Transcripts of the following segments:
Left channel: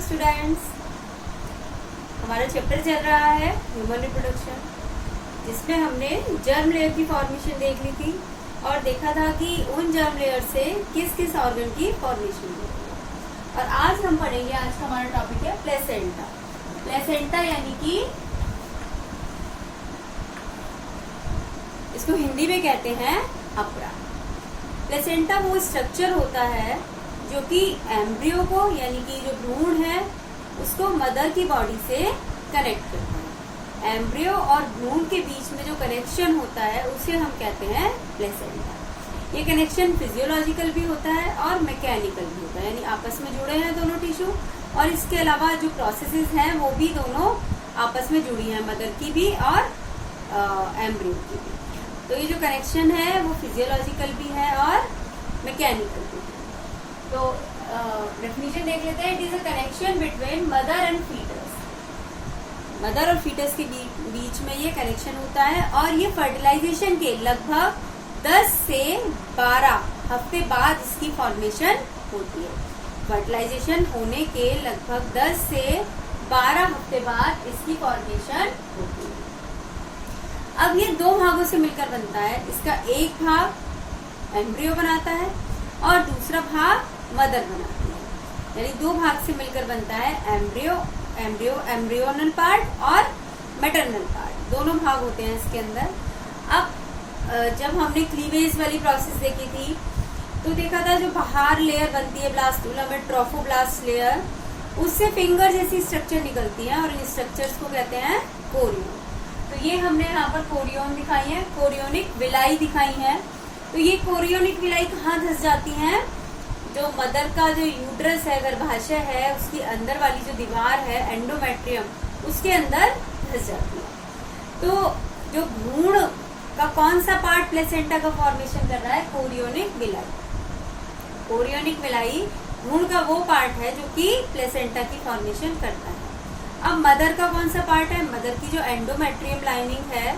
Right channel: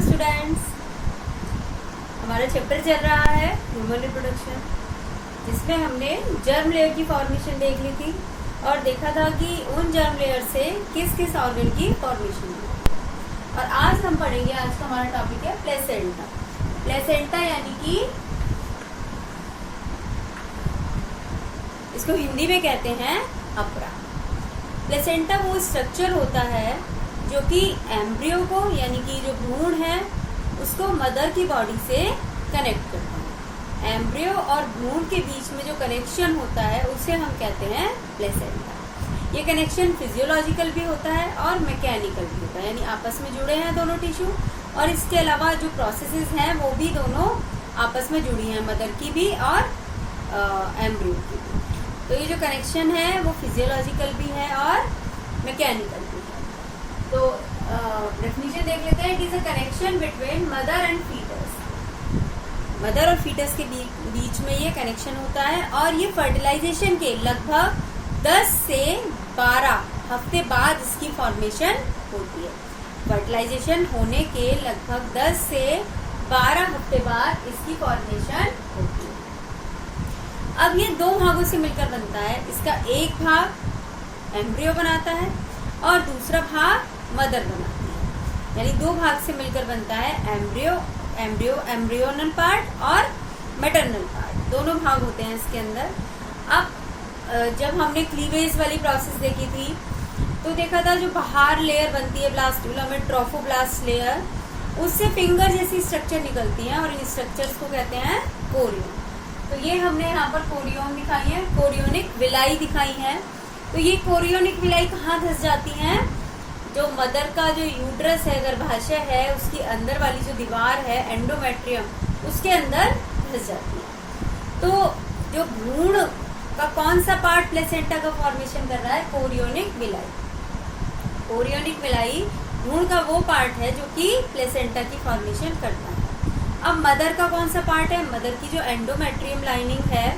Hello students, हमारा chapter चल रहा है ह्यूमन रिप्रोडक्शन, जिसमें हमने जर्म लेयर की फॉर्मेशन देख ली थी और देखा था कि उन जर्म लेयर से किस किस ऑर्गन की फॉर्मेशन होती है। और आज हम पढ़ेंगे, आज का हमारा टॉपिक है प्लेसेंटा। प्लेसेंटा यानी कि इसको हिंदी में कहते हैं अपरा। प्लेसेंटा वो स्ट्रक्चर होता है जो कि एम्ब्रियो को यानी कि जो भ्रूण है उसको मदर की बॉडी से कनेक्ट करता है। एम्ब्रियो और भ्रूण के बीच में जो कनेक्शन होता है उसे हम कहते हैं प्लेसेंटा। ये कनेक्शन फिजियोलॉजिकल भी होता है और मैकेनिकल भी होता है, यानी आपस में जुड़े हैं दोनों टिश्यू। और इसके अलावा जो प्रोसेसेस हैं वो भी दोनों आपस में जुड़ी हैं, मदर की भी और एम्ब्रियो की भी। तो ये जो कनेक्शन है वो फिजियोलॉजिकल भी है और मैकेनिकल भी है। तो डेफिनेशन देख लेते हैं। It is a connection between mother and foetus. Mother और फीटस के बीच में ये कनेक्शन होता है और ये फर्टिलाइजेशन के लगभग 10 से 12 हफ्ते बाद इसकी फॉर्मेशन होती है। फर्टिलाइजेशन होने के लगभग 10 से 12 हफ्ते बाद इसकी फॉर्मेशन होती है। अब ये दो भागों से मिलकर बनता है। इसका एक भाग एम्ब्रियो बनाता है और दूसरा भाग मदर बनाती है, यानी दो भाग से मिलकर बनता है एम्ब्रियोनल पार्ट और मैटरनल पार्ट। दोनों भाग होते हैं इसके अंदर। अब जब हमने क्लीवेज वाली प्रोसेस देखी थी तो देखा था जो बाहर लेयर बनती है ब्लास्टूला में, ट्रोफोब्लास्ट लेयर, उससे फिंगर जैसी स्ट्रक्चर निकलती है और इन स्ट्रक्चर्स को कहते हैं कोरियन। तो ये हमने यहाँ पर कोरियन दिखाई है, कोरियोनिक विलाई दिखाई है। तो ये कोरियोनिक विलाई कहाँ धस जाती हैं? जो मदर का जो यूट्रस है, गर्भाशय है, उसकी अंदर वाली जो दीवार है एंडोमेट्रियम, उसके अंदर धस जाती है। तो जो भ्रूण का कौन सा पार्ट प्लेसेंटा का फॉर्मेशन कर रहा है? Chorionic villi. कोरियोनिक विलाई भ्रूण का वो पार्ट है जो कि प्लेसेंटा की फॉर्मेशन करता है। अब मदर का कौन सा पार्ट है? मदर की जो एंडोमेट्रियम लाइनिंग है,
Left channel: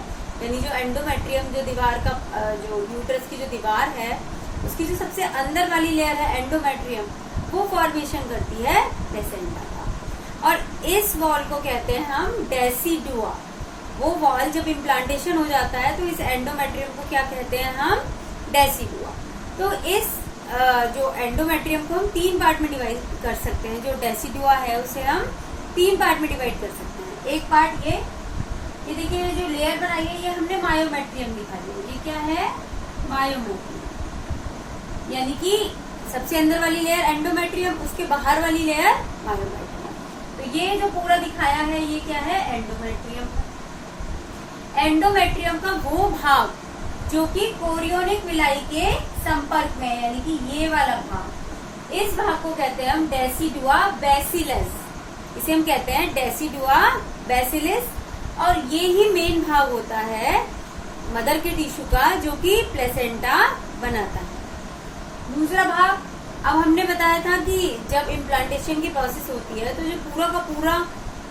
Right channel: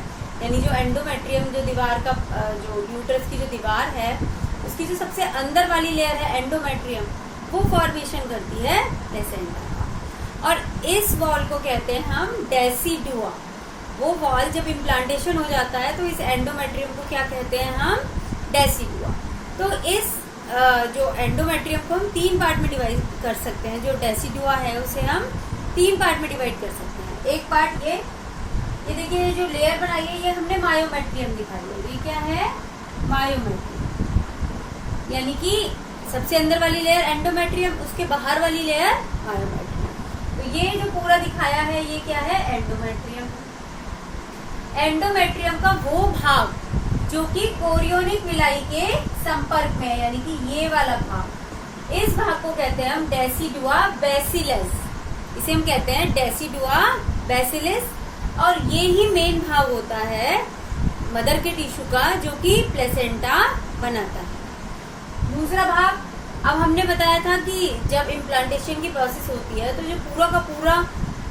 यानी जो एंडोमेट्रियम जो दीवार का जो यूट्रस की जो दीवार है उसकी जो सबसे अंदर वाली लेयर है एंडोमेट्रियम, वो फॉर्मेशन करती है प्लेसेंटा का। और इस वॉल को कहते हैं हम डेसिडुआ। वो वॉल जब इम्प्लांटेशन हो जाता है तो इस एंडोमेट्रियम को क्या कहते हैं हम? डेसिडुआ। तो इस जो एंडोमेट्रियम को हम 3 पार्ट में डिवाइड कर सकते हैं। जो डेसिडुआ है उसे हम 3 पार्ट में डिवाइड कर सकते हैं। एक पार्ट ये देखिए, जो लेयर बनाई है ये हमने मायोमेट्रियम दिखाई है। ये क्या है? मायोमेट्रियम, यानी कि सबसे अंदर वाली लेयर एंडोमेट्रियम, उसके बाहर वाली लेयर मायोमेट्रियम। तो ये जो पूरा दिखाया है ये क्या है? एंडोमेट्रियम। एंडोमेट्रियम का वो भाग जो कि कोरियोनिक विलाई के संपर्क में है, यानी कि ये वाला भाग, इस भाग को कहते हैं हम डेसिडुआ बैसिलस। इसे हम कहते हैं डेसिडुआ बैसिलस। और ये ही मेन भाग होता है मदर के टिश्यू का जो कि प्लेसेंटा बनाता है। दूसरा भाग, अब हमने बताया था कि जब इम्प्लांटेशन की प्रोसेस होती है तो जो पूरा का पूरा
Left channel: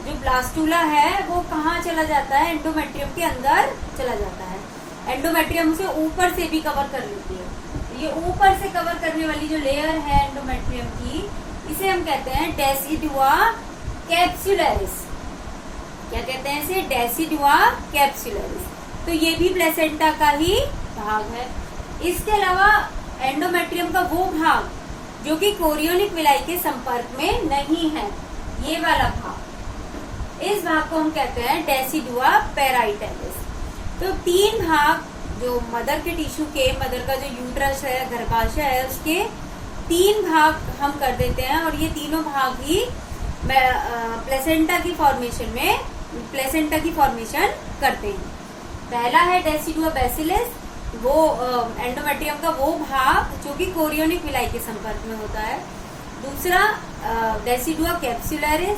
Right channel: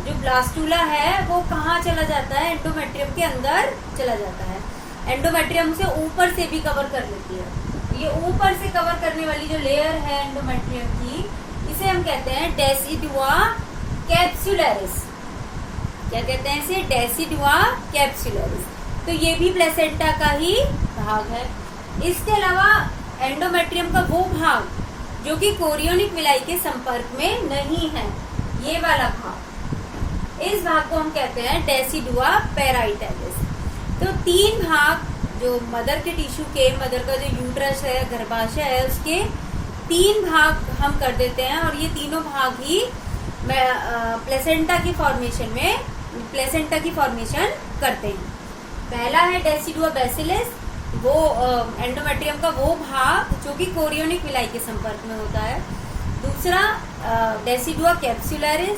जो ब्लास्टूला है वो कहाँ चला जाता है? एंडोमेट्रियम के अंदर चला जाता है। एंडोमेट्रियम से ऊपर से भी कवर कर लेती है। तो ये ऊपर से कवर करने वाली जो लेयर है एंडोमेट्रियम की, इसे हम कहते हैं डेसिडुआ कैप्सुलरिस। क्या कहते हैं इसे? Decidua capsularis. तो ये भी प्लेसेंटा का ही भाग है। इसके अलावा एंडोमेट्रियम का वो भाग जो कि कोरियोनिक विलाई के संपर्क में नहीं है, ये वाला भाग, इस भाग को हम कहते हैं डेसिडुआ पेराइटलिस। तो 3 भाग जो मदर के टिश्यू के, मदर का जो यूट्रस है, गर्भाशय है, उसके 3 भाग हम कर देते हैं और ये तीनों भाग ही प्लेसेंटा की फॉर्मेशन करते हैं। पहला है डेसिडुआ बैसिलस, वो एंडोमेट्रियम का वो भाग जो कि कोरियोनिक विलाई के संपर्क में होता है। दूसरा डेसिडुआ कैप्सुलरिस,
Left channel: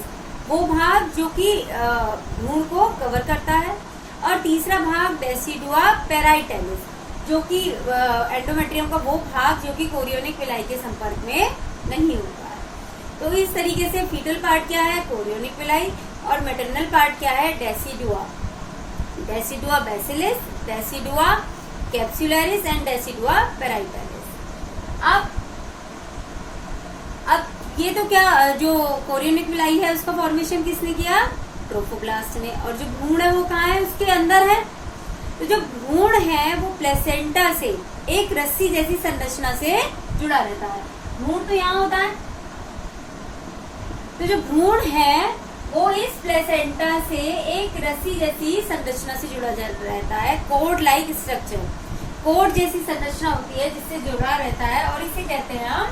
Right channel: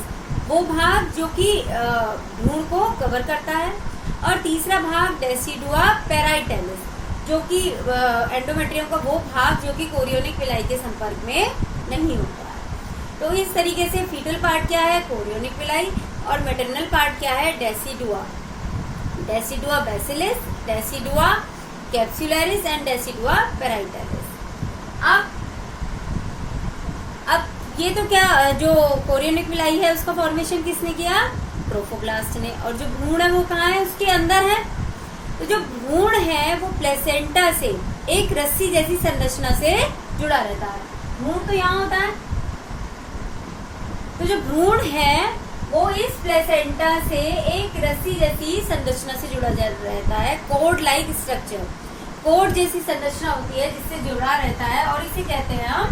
वो भाग जो कि भ्रूण को कवर करता है। और तीसरा भाग डेसिडुआ पेराइटलिस, जो कि एंडोमेट्रियम का वो भाग जो कि कोरियोनिक विलाई के संपर्क में नहीं होता है। तो इस तरीके से फीटल पार्ट क्या है? Chorionic villi. और मैटरनल पार्ट क्या है? Decidua basalis, decidua capsularis and decidua parietalis. अब ये ये तो क्या जो कोरियोनिक विलाई है उसका फॉर्मेशन किसने किया? ट्रोफोब्लास्ट ने। और जो भ्रूण है वो कहाँ है? उसके अंदर है। तो जो भ्रूण है वो प्लेसेंटा से एक रस्सी जैसी संरचना से जुड़ा रहता है। भ्रूण तो यहाँ होता है। तो जो भ्रूण है वो इस प्लेसेंटा से एक रस्सी जैसी संरचना से जुड़ा रहता है। कोड लाइक स्ट्रक्चर, कोड जैसी संरचना होती है जिससे जुड़ा रहता है, और इसे कहते हैं हम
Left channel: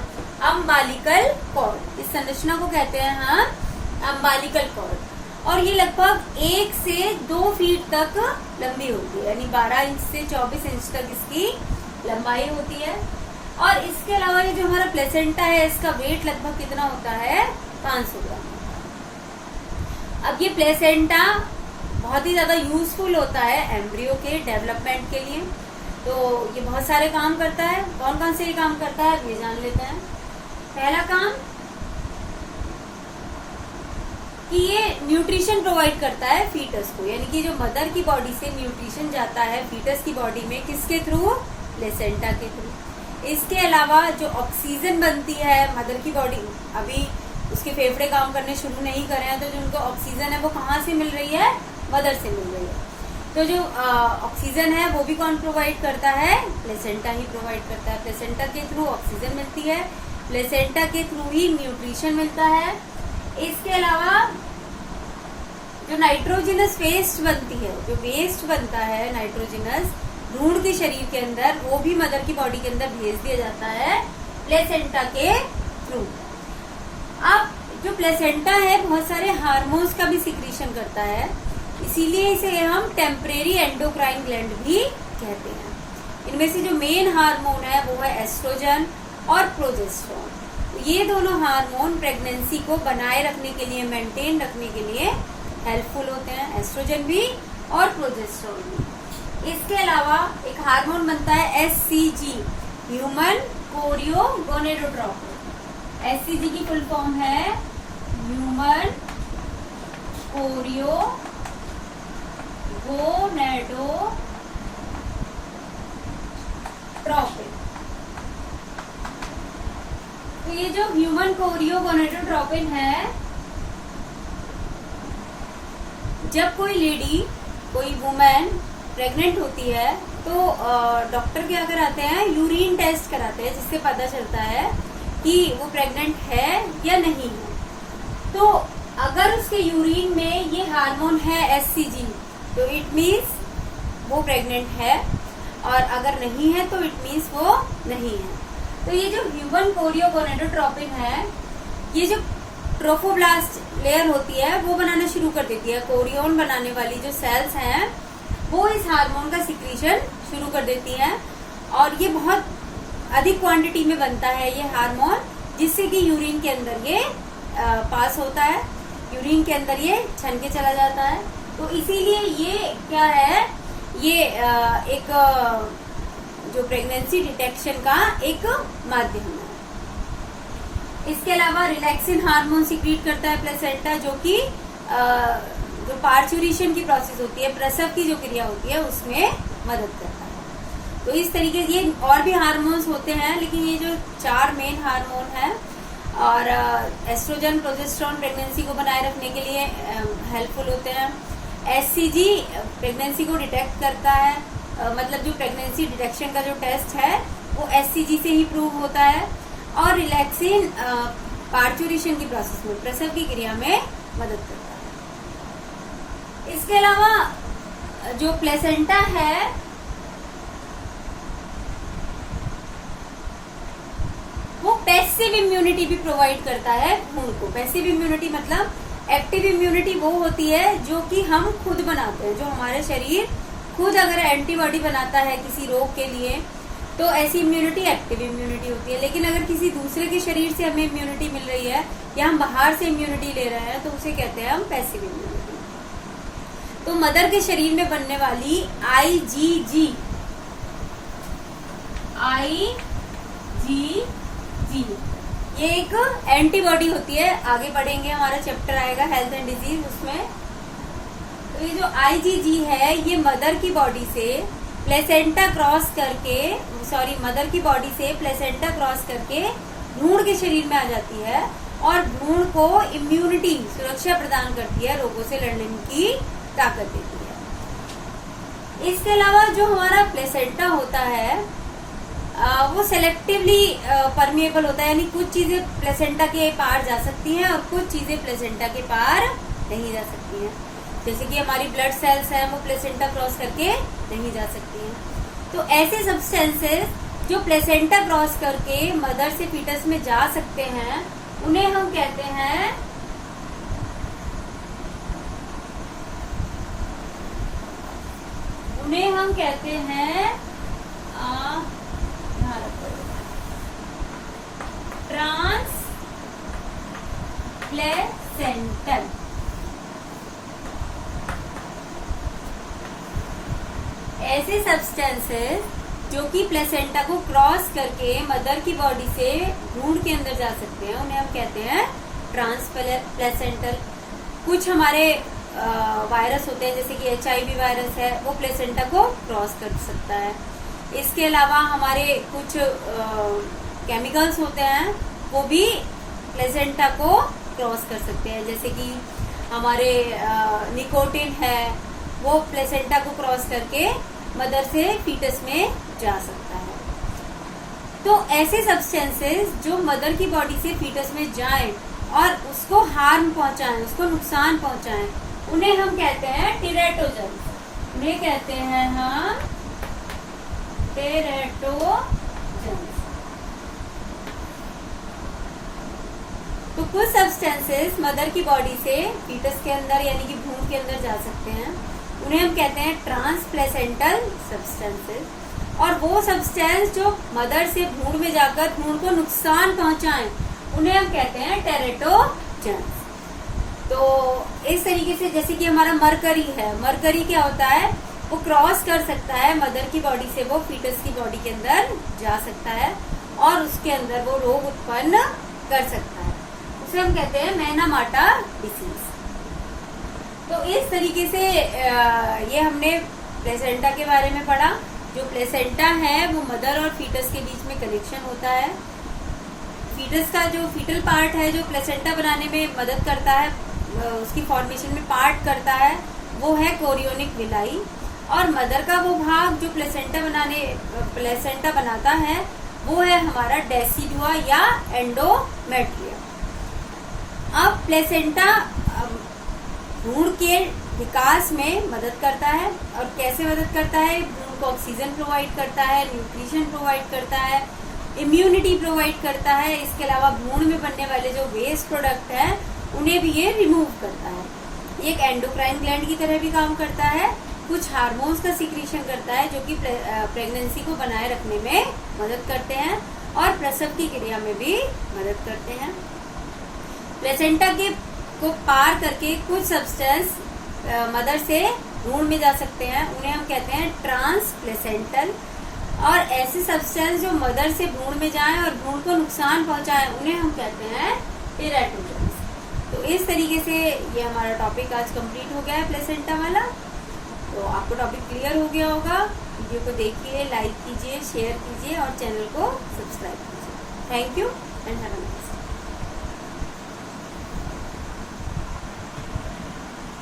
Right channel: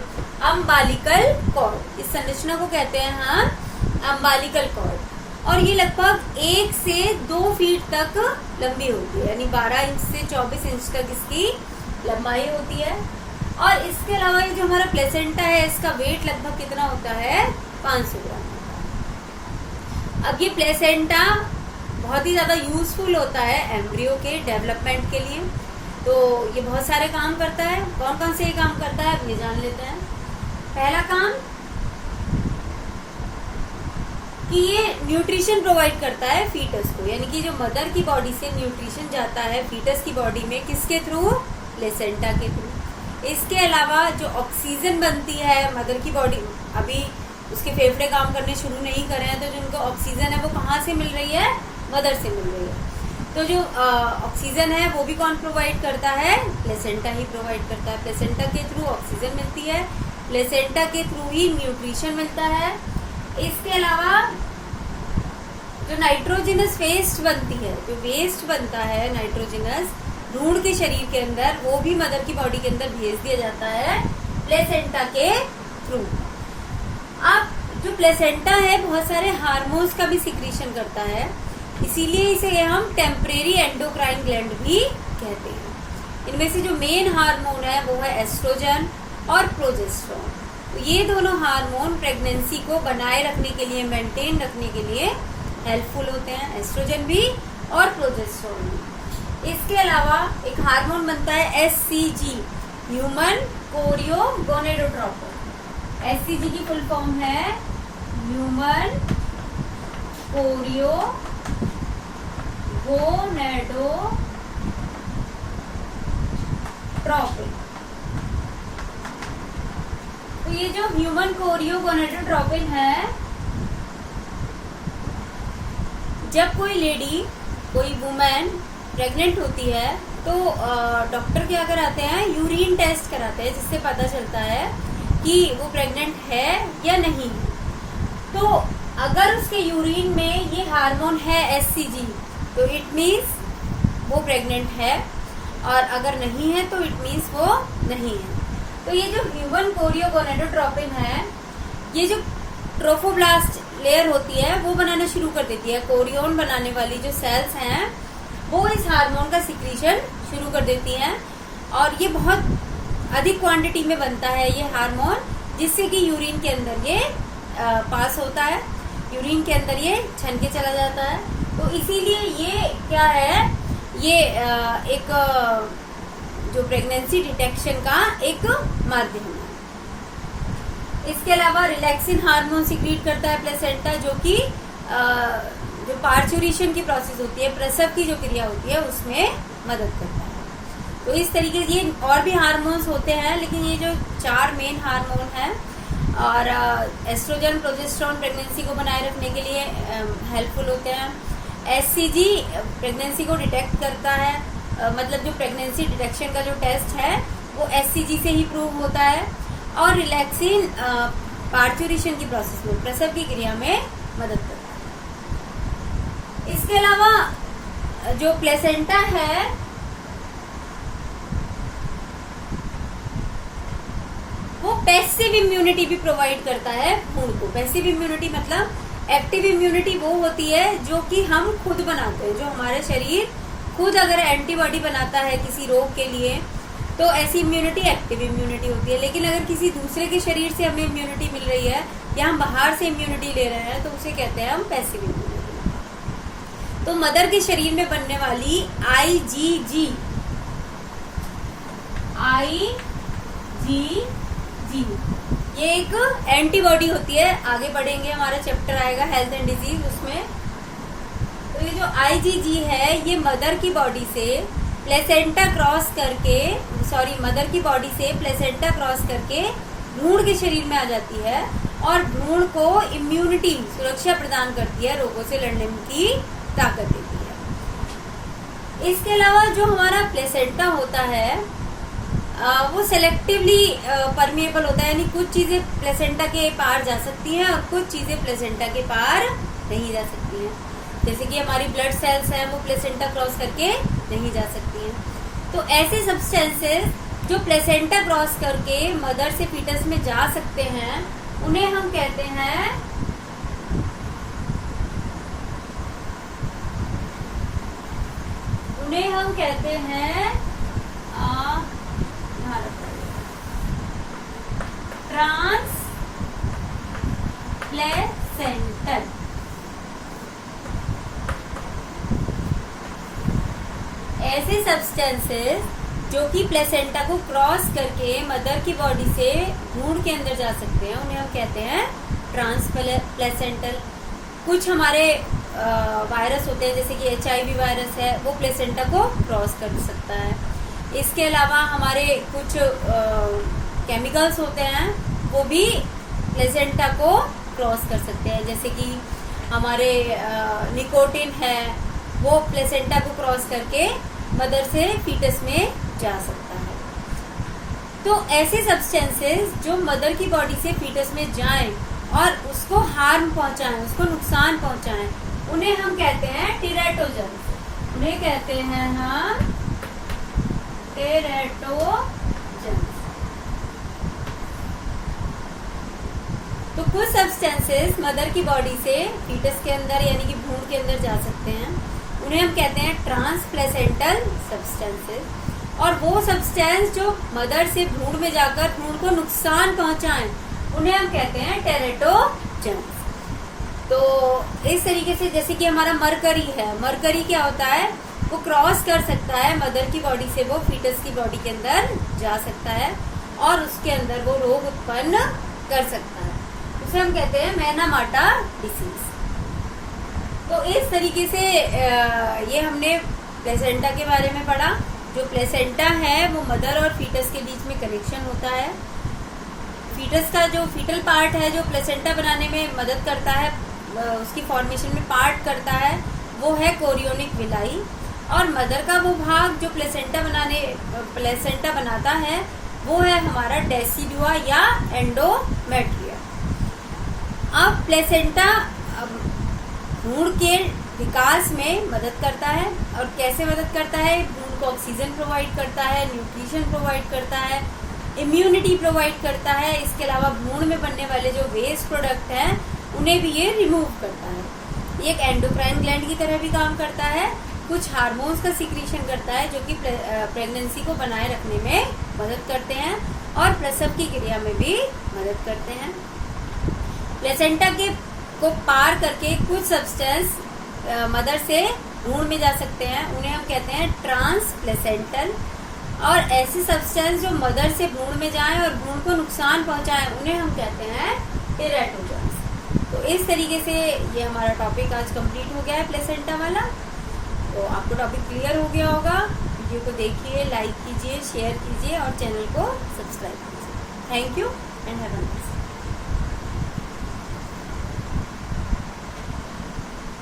अम्बालिकल कॉर्ड। इस संरचना को कहते हैं हम अम्बालिकल कॉर्ड। और ये लगभग 1 से 2 फीट तक लंबी होती है, यानी 12 इंच से 24 इंच तक इसकी लंबाई होती है। और इसके अलावा ये जो हमारा प्लेसेंटा है इसका वेट लगभग कितना होता है? 500 ग्राम। अब ये प्लेसेंटा बहुत ही ज्यादा यूजफुल होता है एम्ब्रियो के डेवलपमेंट के लिए। तो ये बहुत सारे काम करता है। कौन कौन से ये काम करता है अब ये जान लेते हैं। पहला काम कि ये न्यूट्रिशन प्रोवाइड करता है फीटस को, यानी कि जो मदर की बॉडी से न्यूट्रिशन जाता है फीटस की बॉडी में, किसके थ्रू? प्लेसेंटा के थ्रू। इसके अलावा जो ऑक्सीजन बनती है मदर की बॉडी, अभी उसके फेफड़े काम करने शुरू नहीं करे हैं, तो जो उनको ऑक्सीजन है वो कहाँ से मिल रही है? मदर से मिल रही है। तो जो ऑक्सीजन है वो भी कौन प्रोवाइड करता है? प्लेसेंटा ही प्रोवाइड करता है। प्लेसेंटा के थ्रू ऑक्सीजन मिलती है, प्लेसेंटा के थ्रू ही न्यूट्रिशन मिलता है। इसके अलावा जो नाइट्रोजिनस वेस्ट बनती है, जो वेस्ट बनता है नाइट्रोजिनस भ्रूण के शरीर के अंदर, वो भी मदर की बॉडी के अंदर भेज दिया जाता है प्लेसेंटा के थ्रू। अब जो प्लेसेंटा है बहुत सारे हार्मोन्स का भी सिक्रीशन करता है, इसीलिए इसे हम टेम्परेरी एंडोक्राइन ग्लैंड भी कहते हैं। इनमें से जो मेन हार्मोन है वो है एस्ट्रोजन और प्रोजेस्टेरोन। तो ये दोनों हार्मोन प्रेगनेंसी को बनाए रखने के लिए, मेंटेन रखने के लिए हेल्पफुल होते हैं, एस्ट्रोजन भी और प्रोजेस्टेरोन भी। इसके अलावा एक हार्मोन बनता है SCG, human chorio gonadotropin. SCG की फुल फॉर्म है ह्यूमन कोरियो गोनेडोट्रोपिन। तो ये जो ह्यूमन कोरियो गोनेडोट्रोपिन है, जब कोई लेडी, कोई वुमेन प्रेग्नेंट होती है तो डॉक्टर क्या कराते हैं? यूरिन टेस्ट कराते हैं, जिससे पता चलता है कि वो प्रेग्नेंट है या नहीं है। तो अगर उसके यूरिन में ये हार्मोन है एससीजी, तो इट मीन्स वो प्रेग्नेंट है, और अगर नहीं है तो इट मीन्स वो नहीं है। तो ये जो ह्यूमन कोरियो गोनेडोट्रोपिन है, ये जो ट्रोफोब्लास्ट लेयर होती है वो बनाना शुरू कर देती है। कोरियोन बनाने वाली जो सेल्स हैं वो इस हार्मोन का सिक्रीशन शुरू कर देती हैं, और ये बहुत अधिक क्वांटिटी में बनता है ये हार्मोन, जिससे कि यूरिन के अंदर ये पास होता है, यूरिन के अंदर ये छन के चला जाता है। तो इसीलिए ये क्या है? ये एक जो प्रेगनेंसी डिटेक्शन का एक माध्यम है। इसके अलावा रिलैक्सिन हार्मोन सिक्रीट करता है प्लेसेंटा, जो कि जो पार्चुरेशन की प्रोसेस होती है, प्रसव की जो क्रिया होती है, उसमें मदद करता है। तो इस तरीके से ये और भी हार्मोन्स होते हैं, लेकिन ये जो 4 मेन हार्मोन हैं, और एस्ट्रोजन, प्रोजेस्टेरोन प्रेगनेंसी को बनाए रखने के लिए हेल्पफुल होते हैं। एससीजी प्रेगनेंसी को डिटेक्ट करता है, मतलब जो प्रेगनेंसी डिटेक्शन का जो टेस्ट है वो एससीजी से ही प्रूव होता है। और रिलैक्सिन पार्चुरेशन की प्रोसेस में, प्रसव की क्रिया में मदद करता है। इसके अलावा जो प्लेसेंटा है वो पैसिव इम्यूनिटी भी प्रोवाइड करता है भ्रूण को। पैसिव इम्यूनिटी मतलब, एक्टिव इम्यूनिटी वो होती है जो कि हम खुद बनाते हैं, जो हमारे शरीर खुद अगर एंटीबॉडी बनाता है किसी रोग के लिए, तो ऐसी इम्यूनिटी एक्टिव इम्यूनिटी होती है। लेकिन अगर किसी दूसरे के शरीर से हमें इम्यूनिटी मिल रही है या हम बाहर से इम्यूनिटी ले रहे हैं, तो उसे कहते हैं हम पैसिव इम्यूनिटी। तो मदर के शरीर में बनने वाली आईजीजी, ये एक एंटीबॉडी होती है। आगे बढ़ेंगे, हमारा चैप्टर आएगा हेल्थ एंड डिजीज, उसमें। तो ये जो आईजीजी है ये मदर की बॉडी से प्लेसेंटा क्रॉस करके, मदर की बॉडी से प्लेसेंटा क्रॉस करके भ्रूण के शरीर में आ जाती है, और भ्रूण को इम्यूनिटी सुरक्षा प्रदान करती है, रोगों से लड़ने की ताकत देती है। इसके अलावा जो हमारा प्लेसेंटा होता है वो सेलेक्टिवली परमिएबल होता है, यानी कुछ चीजें प्लेसेंटा के पार जा सकती हैं और कुछ चीजें प्लेसेंटा के पार नहीं जा सकती हैं। जैसे कि हमारी ब्लड सेल्स हैं वो प्लेसेंटा क्रॉस करके नहीं जा सकती हैं। तो ऐसे सब्सटेंसेस जो प्लेसेंटा क्रॉस करके मदर से फीटस में जा सकते हैं उन्हें हम कहते हैं ट्रांसप्लेसेंटल। ऐसे सब्सटेंसेस जो कि प्लेसेंटा को क्रॉस करके मदर की बॉडी से भ्रूण के अंदर जा सकते हैं उन्हें हम कहते हैं ट्रांसप्लेसेंटल। कुछ हमारे वायरस होते हैं जैसे कि HIV वायरस है वो प्लेसेंटा को क्रॉस कर सकता है। इसके अलावा हमारे कुछ केमिकल्स होते हैं वो भी प्लेसेंटा को क्रॉस कर सकते हैं, जैसे कि हमारे निकोटिन है वो प्लेसेंटा को क्रॉस करके मदर से फीटस में जा सकता है। तो ऐसे सब्सटेंसेस जो मदर की बॉडी से फीटस में जाएं और उसको हार्म पहुंचाएं, उसको नुकसान पहुंचाएं, उन्हें हम कहते हैं टेराटोजन्स। उन्हें कहते हैं हम टेराटोजन्स। तो कुछ सब्सटेंसेस मदर की बॉडी से फीटस के अंदर यानी कि भ्रूण के अंदर जा सकते हैं, उन्हें हम कहते हैं ट्रांसप्लेसेंटल सब्सटेंसेस। और वो सब्सटेंस जो मदर से भ्रूण में जाकर भ्रूण को नुकसान पहुंचाएं उन्हें हम कहते हैं टेराटोजन्स। तो इस तरीके से जैसे कि हमारा मरकरी है, मरकरी क्या होता है, वो क्रॉस कर सकता है मदर की बॉडी से, वो फीटस की बॉडी के अंदर जा सकता है और उसके अंदर वो रोग उत्पन्न कर सकता है। उसे हम कहते हैं मैनामाटा डिसीज। तो इस तरीके से ये हमने प्लेसेंटा के बारे में पढ़ा। जो प्लेसेंटा है वो मदर और फीटस के बीच में कनेक्शन होता है। फीटस का जो फीटल पार्ट है जो प्लेसेंटा बनाने में मदद करता है, उसकी फॉर्मेशन में पार्ट करता है, वो है कोरियोनिक विलाई। और मदर का वो भाग जो प्लेसेंटा बनाता है वो है हमारा डेसिडुआ या एंडोमेट्रिया। अब प्लेसेंटा भ्रूण के विकास में मदद करता है। और कैसे मदद करता है, भ्रूण को ऑक्सीजन प्रोवाइड करता है, न्यूट्रिशन प्रोवाइड करता है, इम्यूनिटी प्रोवाइड करता है। इसके अलावा भ्रूण में बनने वाले जो वेस्ट प्रोडक्ट हैं उन्हें भी ये रिमूव करता है। ये एक एंडोक्राइन ग्लैंड की तरह भी काम करता है। कुछ हार्मोन्स का सिक्रीशन करता है जो कि प्रेगनेंसी को बनाए रखने में मदद करते हैं और प्रसव की क्रिया में भी मदद करते हैं। प्लेसेंटा को पार करके कुछ सब्सटेंस मदर से भ्रूण में जा सकते हैं, उन्हें हम कहते हैं ट्रांसप्लेसेंटल। और ऐसे सब्सटेंस जो मदर से भ्रूण में जाएं और भ्रूण को नुकसान पहुंचाएं उन्हें हम कहते हैं टेराटोजन्स। तो इस तरीके से ये हमारा टॉपिक आज कंप्लीट हो गया है प्लेसेंटा वाला। तो आपको टॉपिक क्लियर हो गया होगा। वीडियो को देखिए, लाइक कीजिए, शेयर कीजिए और चैनल को सब्सक्राइब कीजिए। Thank you and have a nice day.